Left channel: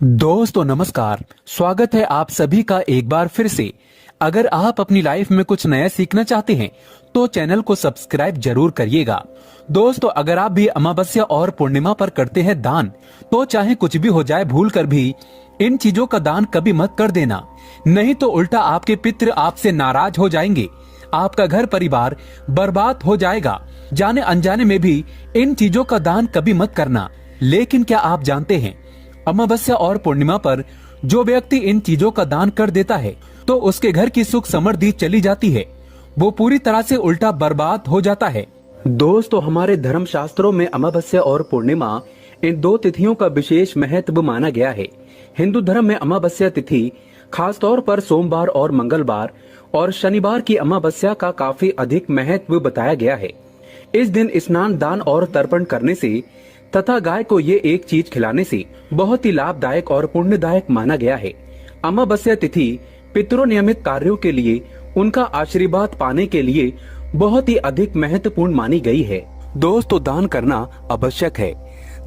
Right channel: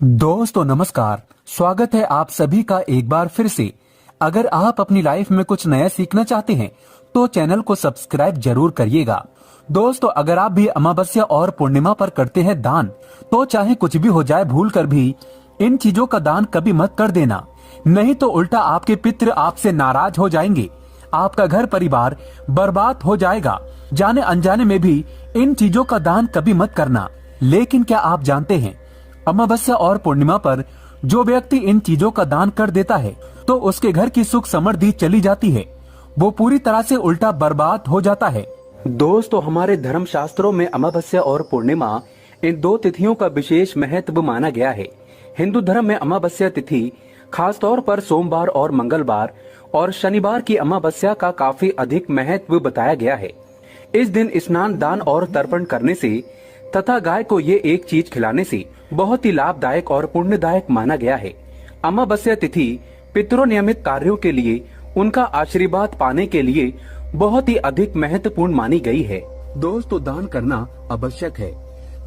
दोस्तों नमस्कार। स्वागत है आप सभी का एक बार फिर से। अगर आप अपनी लाइफ में कुछ नया सीखना चाहते हैं तो चैनल को सब्सक्राइब जरूर करिएगा। दोस्तों अगर आप भी अमावस्या और पूर्णिमा पर करते हैं दान तो चाहे कुछ भी हो जाए भूल कर भी इन चीजों का दान कभी मत कर देना, नहीं तो उल्टा आपके पितृ आपसे नाराज हो जाएंगे, आपका घर परिवार बर्बाद हो जाएगा। जाने अनजाने में भी इन चीजों का दान कभी मत करना। लेकिन क्या आप जानते हैं अमावस्या और पूर्णिमा पर जो व्यक्ति इन चीजों का दान कर देता है तो उसके घर की सुख समृद्धि चली जाती है, वो पूरी तरह से उल्टा बर्बाद हो जाता है। दोस्तों हमारे धर्म शास्त्रों में अमावस्या और पूर्णिमा इन दो तिथियों का विशेष महत्व माना गया है। हिंदू धर्म में अमावस्या तिथि खासतौर पर सोमवार और मंगलवार और शनिवार की अमावस्या का काफी अधिक महत्व बताया गया है। इस दिन स्नान, दान और तर्पण करने से तथा गाय को ये एक चीज खिलाने से बहुत ही लाभदायक और पुण्यदायक माना गया है। अमावस्या तिथि पितरों नियमित कार्यों के लिए, उनका आशीर्वाद पाने के लिए बहुत ही अधिक महत्वपूर्ण मानी गई है। दोस्तों दान करना आवश्यक है।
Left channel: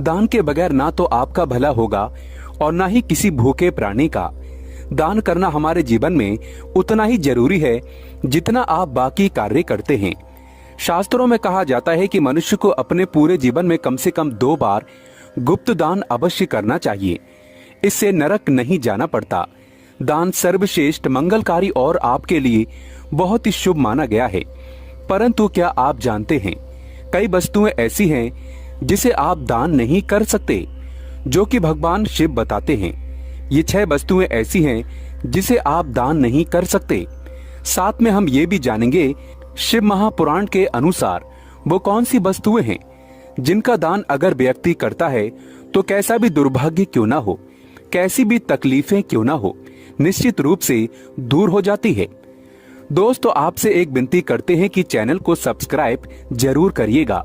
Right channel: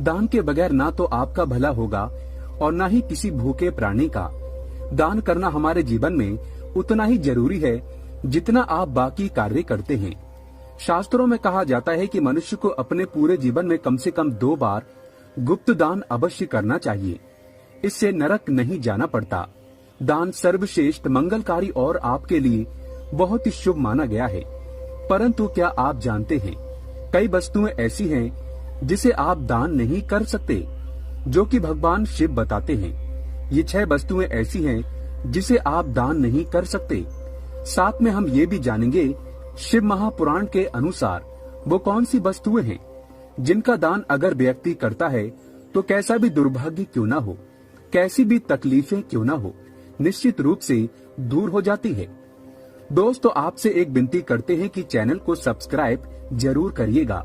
दान के बगैर ना तो आपका भला होगा और ना ही किसी भूखे प्राणी का। दान करना हमारे जीवन में उतना ही जरूरी है जितना आप बाकी कार्य करते हैं। शास्त्रों में कहा जाता है कि मनुष्य को अपने पूरे जीवन में कम से कम 2 बार गुप्त दान अवश्य करना चाहिए, इससे नरक नहीं जाना पड़ता। दान सर्वश्रेष्ठ, मंगलकारी और आपके लिए बहुत ही शुभ माना गया है। परंतु क्या आप जानते हैं कई वस्तुएं ऐसी हैं जिसे आप दान नहीं कर सकते, जो कि भगवान शिव बताते हैं। ये 6 वस्तुएं ऐसी हैं जिसे आप दान नहीं कर सकते। साथ में हम ये भी जानेंगे शिव महापुराण के अनुसार वो कौन सी वस्तुएं हैं जिनका दान अगर व्यक्ति करता है तो कैसा भी दुर्भाग्य क्यों ना हो, कैसी भी तकलीफें क्यों ना हो, निश्चित रूप से दूर हो जाती है। दोस्तों आपसे एक विनती करते हैं कि चैनल को सब्सक्राइब जरूर करिएगा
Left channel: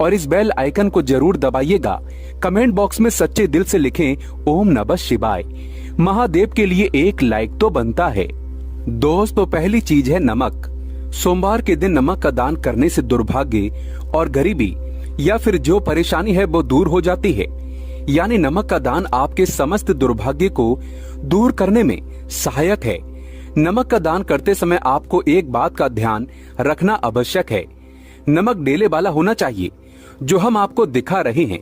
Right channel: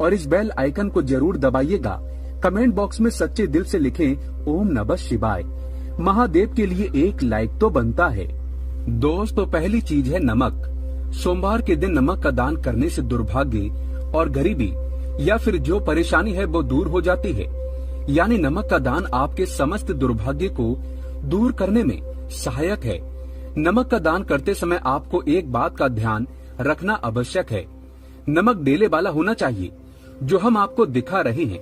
और इस बेल आइकन को जरूर दबाइएगा। कमेंट बॉक्स में सच्चे दिल से लिखें ओम नमः शिवाय। महादेव के लिए एक लाइक तो बनता है। दोस्तों पहली चीज है नमक। सोमवार के दिन नमक का दान करने से दुर्भाग्य और गरीबी या फिर जो परेशानी है वो दूर हो जाती है। यानी नमक का दान आपके समस्त दुर्भाग्य को दूर करने में सहायक है। नमक का दान करते समय आपको एक बात का ध्यान रखना आवश्यक है, नमक डेले वाला होना चाहिए। जो हम आपको दिखा रहे हैं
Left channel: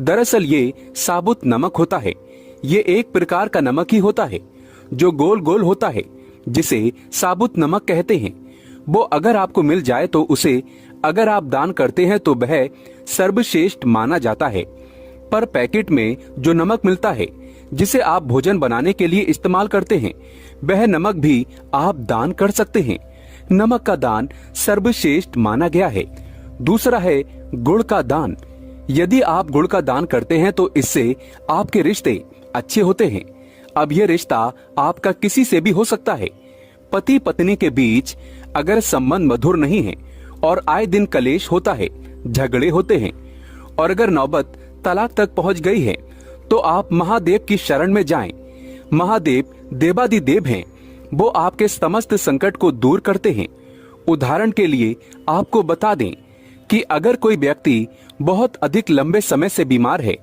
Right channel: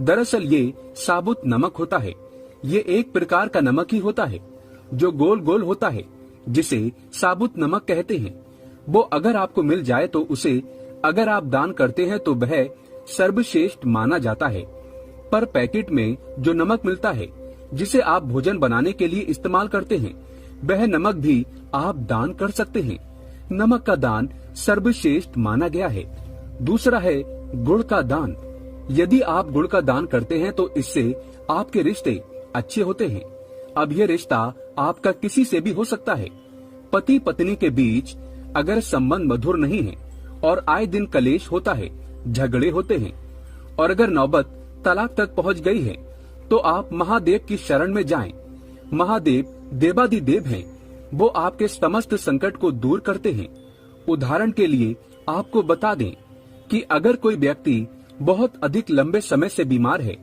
दरअसल ये साबुत नमक होता है। ये एक प्रकार का नमक ही होता है जो गोल गोल होता है, जिसे साबुत नमक कहते हैं। वो अगर आपको मिल जाए तो उसे अगर आप दान करते हैं तो वह सर्वश्रेष्ठ माना जाता है। पर पैकेट में जो नमक मिलता है जिसे आप भोजन बनाने के लिए इस्तेमाल करते हैं, वह नमक भी आप दान कर सकते हैं। नमक का दान सर्वश्रेष्ठ माना गया है। दूसरा है गुड़ का दान। यदि आप गुड़ का दान करते हैं तो इससे आपके रिश्ते अच्छे होते हैं। अब यह रिश्ता आपका किसी से भी हो सकता है। पति पत्नी के बीच अगर संबंध मधुर नहीं है और आए दिन कलेश होता है, झगड़े होते हैं और अगर नौबत तलाक तक पहुंच गई है तो आप महादेव की शरण में जाएं। महादेव देवादिदेव हैं, वो आपके समस्त संकट को दूर करते हैं। उदाहरण के लिए आपको बता दें कि अगर कोई व्यक्ति बहुत अधिक लंबे समय से बीमार है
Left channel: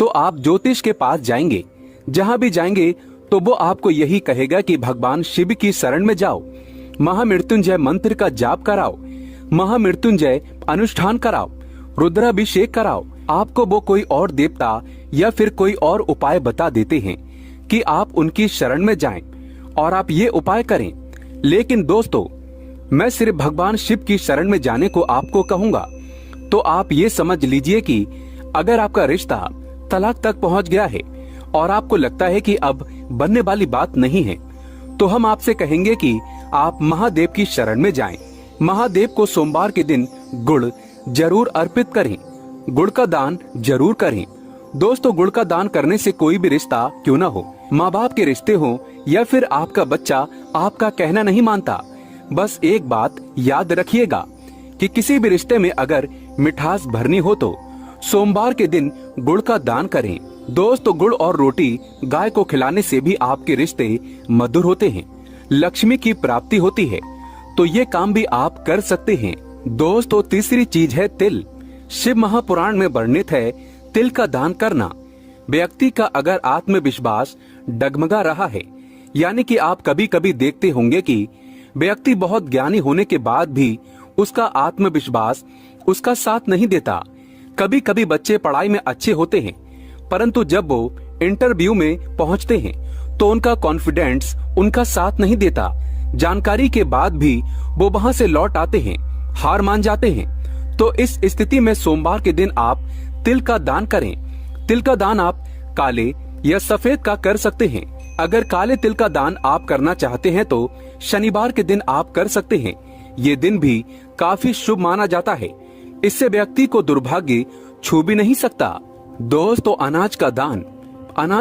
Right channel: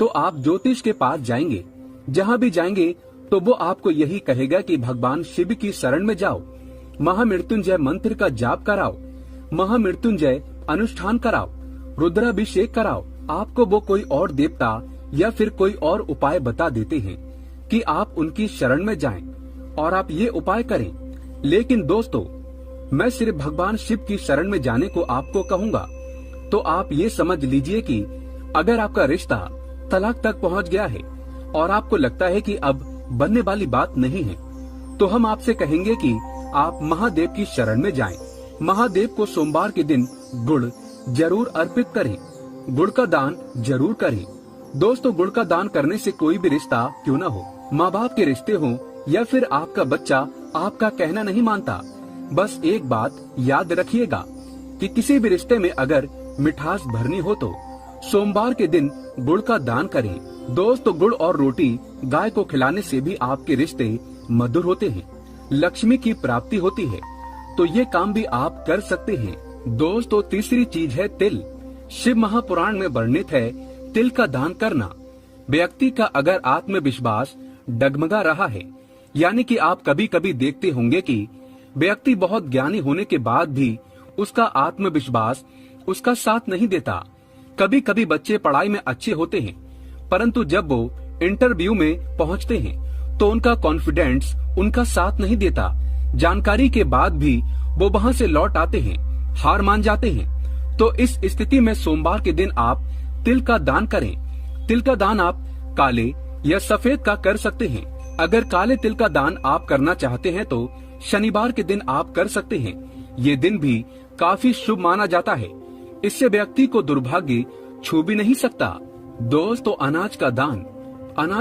तो आप ज्योतिष के पास जाएंगे। जहां भी जाएंगे तो वो आपको यही कहेगा कि भगवान शिव की शरण में जाओ, महामृत्युंजय मंत्र का जाप कराओ, महामृत्युंजय अनुष्ठान कराओ, रुद्राभिषेक कराओ। आपको वो कोई और देवता या फिर कोई और उपाय बता देते हैं कि आप उनकी शरण में जाएं और आप ये उपाय करें। लेकिन दोस्तों मैं सिर्फ भगवान शिव की शरण में जाने को आपको कहूंगा। तो आप ये समझ लीजिए कि अगर आपका रिश्ता तलाक तक पहुंच गया है और आपको लगता है कि अब बनने वाली बात नहीं है, तो हम आपसे कहेंगे कि आप महादेव की शरण में जाएं। महादेव को सोमवार के दिन गुड़ जरूर अर्पित करें, गुड़ का दान जरूर करें। दोस्तों गुड़ का दान करने से कोई भी रिश्ता क्यों ना हो, माँ बाप के रिश्ते हो या फिर आपका बच्चा आपका कहना नहीं मानता, बस एक बात याद रखिएगा कि किसी भी रिश्ते में अगर मिठास भरनी हो तो सोमवार के दिन गुड़ का दान करें। दोस्तों गुड़ और रोटी गाय को खिलाने से भी आपके रिश्ते मधुर होते हैं, लक्ष्मी की प्राप्ति होती है। तो ये काम भी आप कर सकते हैं। दोस्तों तीसरी चीज है तिल। शिव महापुराण में वर्णित है तिल का दान करना। व्यक्ति का अगर आत्मविश्वास डगमगा रहा है, यानी कि आप कभी कभी देखते होंगे कि व्यक्ति बहुत ज्ञानी होने के बाद भी उसका आत्मविश्वास उसका साथ नहीं देता। कभी कभी बच्चे पढ़ाई में अच्छे होते हैं, परंतु जब वो इंटरव्यू में पहुंचते हैं तो उनका कॉन्फिडेंस उनका साथ नहीं देता। जानकारी के बाद भी वो वहां से लौट आते हैं, हार मान जाते हैं। तो इस स्थिति में सोमवार के दिन आप तिल का दान करें। तिल का दान आप काले या सफेद का कर सकते हैं। अगर काले तिल का दान आप करना चाहते हैं तो शनिवार के दिन आप कर सकते हैं। ये दिन भी काफी शुभ माना जाता है। इससे व्यक्ति को दुर्भाग्य छू भी नहीं सकता। दोस्तों, अनाज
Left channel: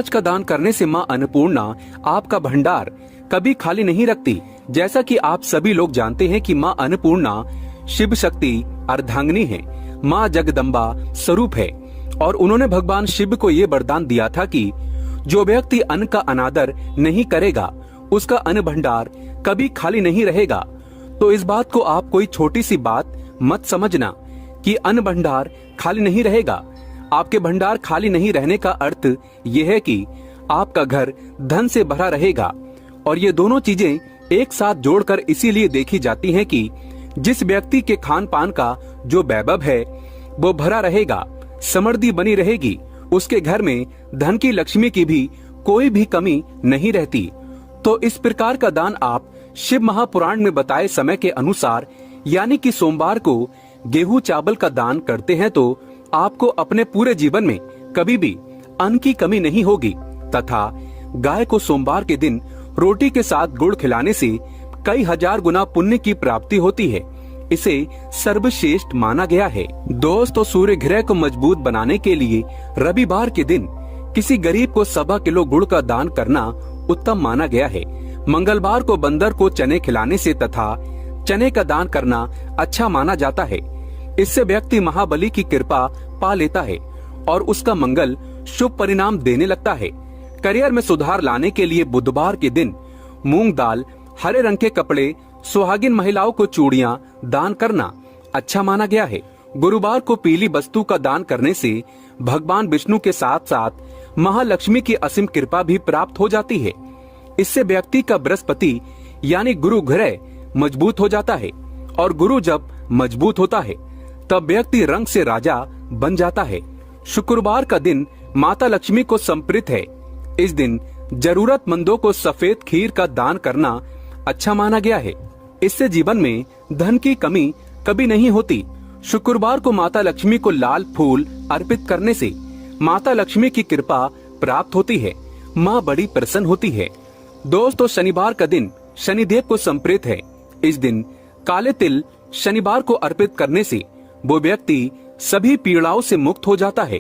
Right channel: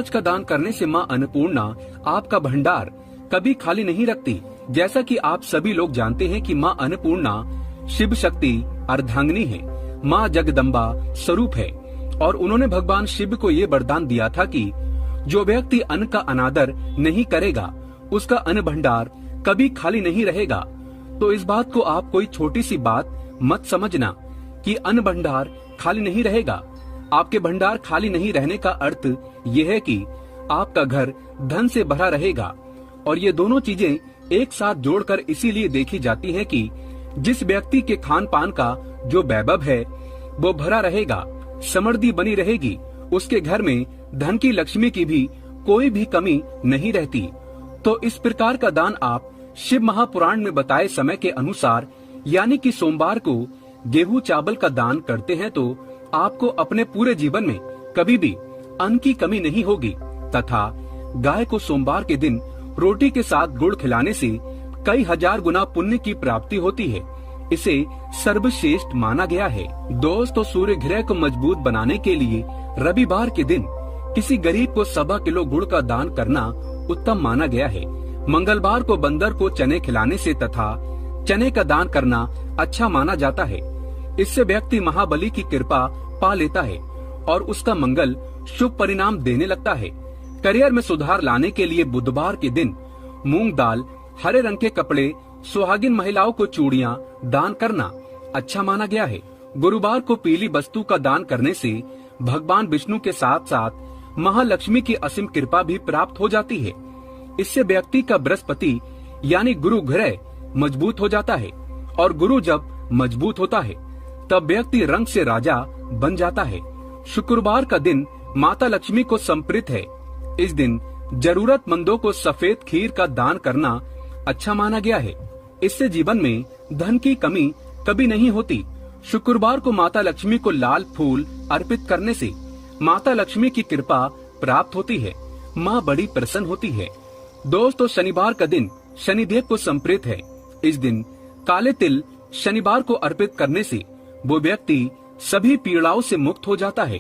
का दान करने से माँ अन्नपूर्णा आपका भंडार कभी खाली नहीं रखती। जैसा कि आप सभी लोग जानते हैं कि माँ अन्नपूर्णा शिव शक्ति अर्धांगिनी है, माँ जगदम्बा स्वरूप है और उन्होंने भगवान शिव को ये वरदान दिया था कि जो व्यक्ति अन्न का अनादर नहीं करेगा उसका अन्न भंडार कभी खाली नहीं रहेगा। तो इस बात को आप कोई छोटी सी बात मत समझना कि अन्न भंडार खाली नहीं रहेगा। आपके भंडार खाली नहीं रहने का अर्थ यह है कि आपका घर धन से भरा रहेगा। और ये दोनों चीजें एक साथ जोड़कर इसीलिए देखी जाती हैं कि जिस व्यक्ति के खान पान का जो वैभव है वो भरा रहेगा, समृद्धि बनी रहेगी, उसके घर में धन की लक्ष्मी की भी कोई भी कमी नहीं रहती। तो इस प्रकार का दान आप शिव महापुराण में बताए समय के अनुसार यानी कि सोमवार को गेहूं चावल का दान करते हैं तो आपको अपने पूरे जीवन में कभी भी अन्न की कमी नहीं होगी। तथा गाय को सोमवार के दिन रोटी के साथ गुड़ खिलाने से कई हजार गुना पुण्य की प्राप्ति होती है। इसे सर्वश्रेष्ठ माना गया है। दोस्तों, सूर्य ग्रह को मजबूत बनाने के लिए रविवार के दिन किसी गरीब को 1.25 किलो गुड़ का दान करना उत्तम माना गया है। मंगलवार को बंदर को चने खिलाने से तथा चने का दान करना अच्छा माना जाता है। इससे व्यक्ति महाबली की कृपा पा लेता है और उसका मंगल शुभ परिणाम देने लगता है। करियर में सुधार लाने के लिए बुधवार के दिन मूंग दाल, हरे रंग के कपड़े, सुहागिन महिलाओं को चूड़ियां दान करना अच्छा माना गया है। गुरुवार को पीली वस्तु का दान करने से भगवान विष्णु के साथ साथ महालक्ष्मी की असीम कृपा भी प्राप्त हो जाती है। इससे व्यक्ति का बृहस्पति यानी गुरु ग्रह मजबूत हो जाता है और गुरु जब मजबूत होता है तब व्यक्ति रंग से राजा बन जाता है। शुक्रवार का दिन माता लक्ष्मी को समर्पित है। इस दिन जरूरतमंदों को सफेद खीर का दान करना अच्छा माना गया है। इससे जीवन में धन की कमी कभी नहीं होती। शुक्रवार को माता लक्ष्मी को लाल फूल अर्पित करने से माता लक्ष्मी की कृपा प्राप्त होती है, माँ बड़ी प्रसन्न होती है। दोस्तों, शनिवार का दिन शनिदेव को समर्पित है। इस दिन काले तिल शनिवार को अर्पित करने से वो व्यक्ति सभी पीड़ाओं से मुक्त हो जाता है।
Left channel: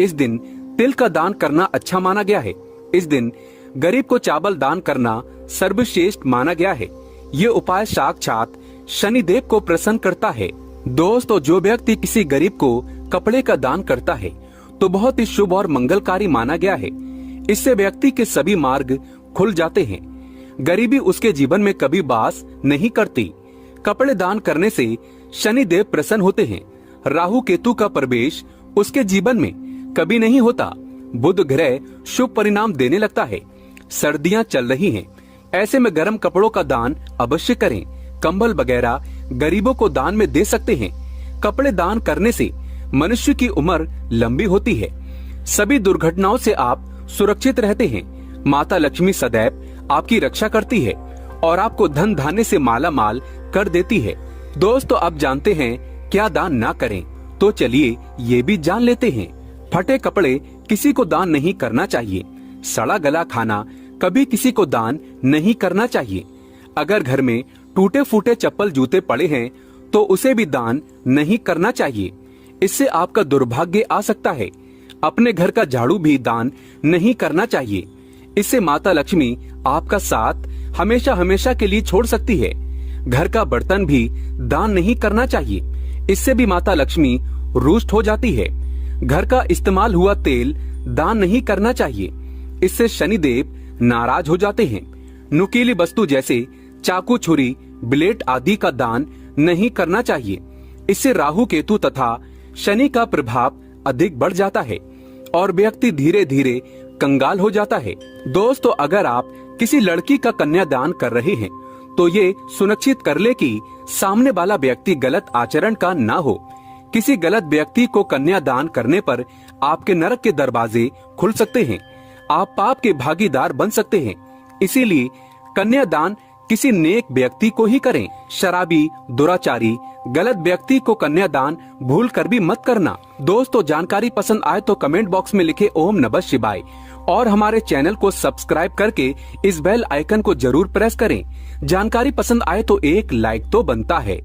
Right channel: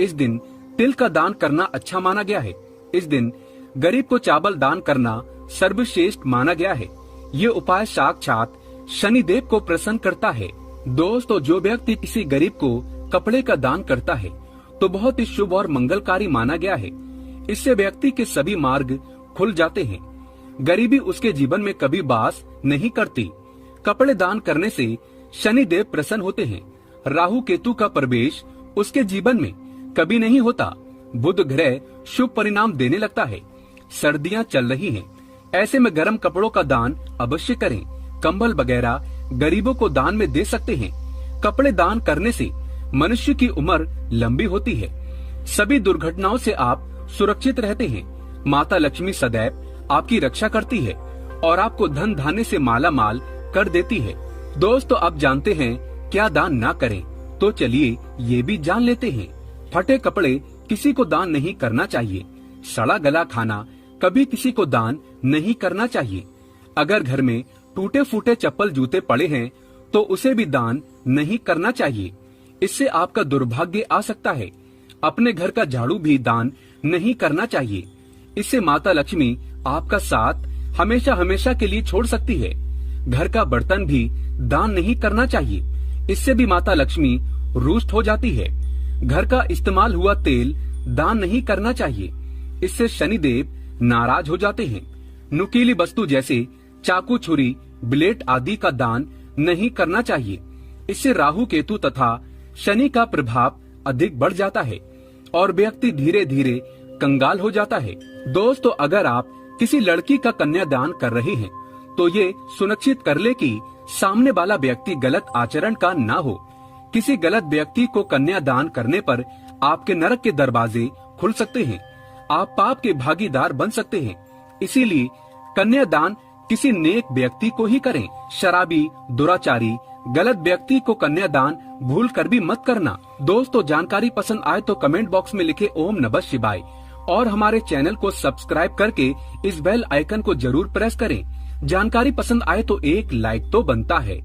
इस दिन तिल का दान करना अच्छा माना गया है। इस दिन गरीब को चावल दान करना सर्वश्रेष्ठ माना गया है। ये उपाय साक्षात शनिदेव को प्रसन्न करता है। दोस्तों, जो व्यक्ति किसी गरीब को कपड़े का दान करता है तो बहुत ही शुभ और मंगलकारी माना गया है। इससे व्यक्ति के सभी मार्ग खुल जाते हैं। गरीबी उसके जीवन में कभी वास नहीं करती। कपड़े दान करने से शनिदेव प्रसन्न होते हैं। राहु केतु का प्रवेश उसके जीवन में कभी नहीं होता। बुध ग्रह शुभ परिणाम देने लगता है। सर्दियां चल रही हैं, ऐसे में गर्म कपड़ों का दान अवश्य करें। कंबल वगैरह गरीबों को दान में दे सकते हैं। कपड़े दान करने से मनुष्य की उम्र लंबी होती है। सभी दुर्घटनाओं से आप सुरक्षित रहते हैं। माता लक्ष्मी सदैव आपकी रक्षा करती है और आपको धन धान्य से माला माल कर देती है। दोस्तों, अब जानते हैं क्या दान ना करें, तो चलिए ये भी जान लेते हैं। फटे कपड़े किसी को दान नहीं करना चाहिए। सड़ा गला खाना कभी किसी को दान नहीं करना चाहिए। अगर घर में टूटे फूटे चप्पल जूते पड़े हैं तो उसे भी दान नहीं करना चाहिए। इससे आपका दुर्भाग्य आ सकता है। अपने घर का झाड़ू भी दान नहीं करना चाहिए। इससे माता लक्ष्मी आपका साथ हमेशा हमेशा के लिए छोड़ सकती है। घर का बर्तन भी दान नहीं करना चाहिए। इससे भी माता लक्ष्मी रुष्ट हो जाती है। घर का इस्तेमाल हुआ तेल दान नहीं करना चाहिए। इससे शनिदेव नाराज हो जाते हैं। नुकीली वस्तु जैसे चाकू, छुरी, ब्लेड आदि का दान नहीं करना चाहिए। इससे राहु केतु तथा शनि का प्रभाव अधिक बढ़ जाता है और व्यक्ति धीरे धीरे कंगाल हो जाता है। दोस्तों, अगर आप किसी लड़की का कन्यादान कर रहे हैं तो ये सुनिश्चित कर ले कि सामने वाला व्यक्ति गलत आचरण का ना हो। किसी गलत व्यक्ति को कन्यादान करने पर आपके नरक के दरवाजे खुल सकते हैं, आप पाप के भागीदार बन सकते हैं। इसीलिए कन्यादान किसी नेक व्यक्ति को ही करें। शराबी, दुराचारी, गलत व्यक्ति को कन्यादान भूल कर भी मत करना। दोस्तों, जानकारी पसंद आए तो कमेंट बॉक्स में लिखे ओम नमः शिवाय और हमारे चैनल को सब्सक्राइब करके इस बेल आइकन को जरूर प्रेस करें। जानकारी पसंद आए तो एक लाइक तो बनता है।